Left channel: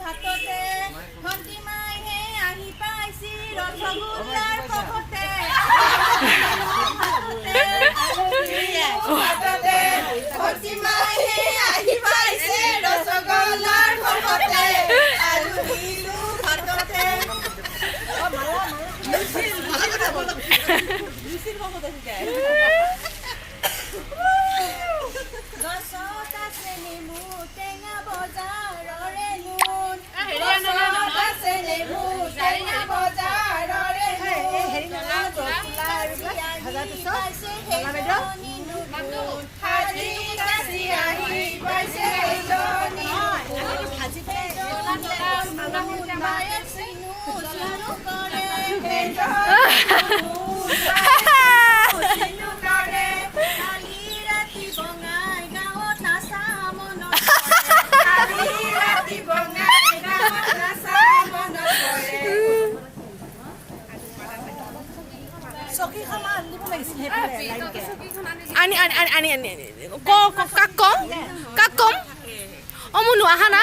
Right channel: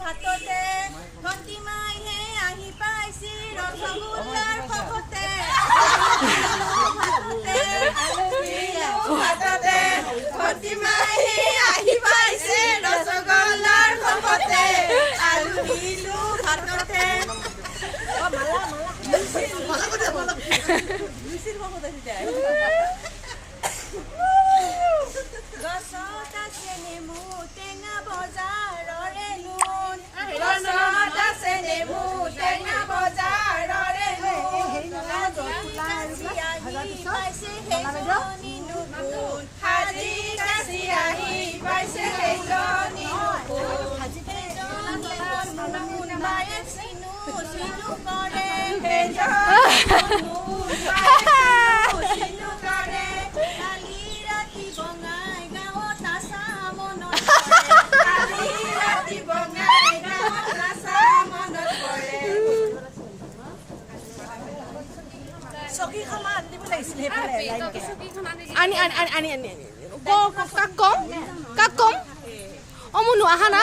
ভাততে ভন্টি মাইহে আহি পাইছি ৰসগোল্লাৰ খবতে ভাততে ভন্টি মাইহে আহি পাইছে ৰসগোল্লাৰ খবতে আলু দিলো ভাততে গছত আছে নেমু টেঙা বজাৰৰে নুন গছত আছে নেমু টেঙা বজাৰৰে নুন পাইছে সেইজনী নুন সাজি কাচি আহি পাইছে সেইজনী নুন মায়ে চিনু চিনু কৰে Ani kok kakkom? Kakkom? Omo nu ahana?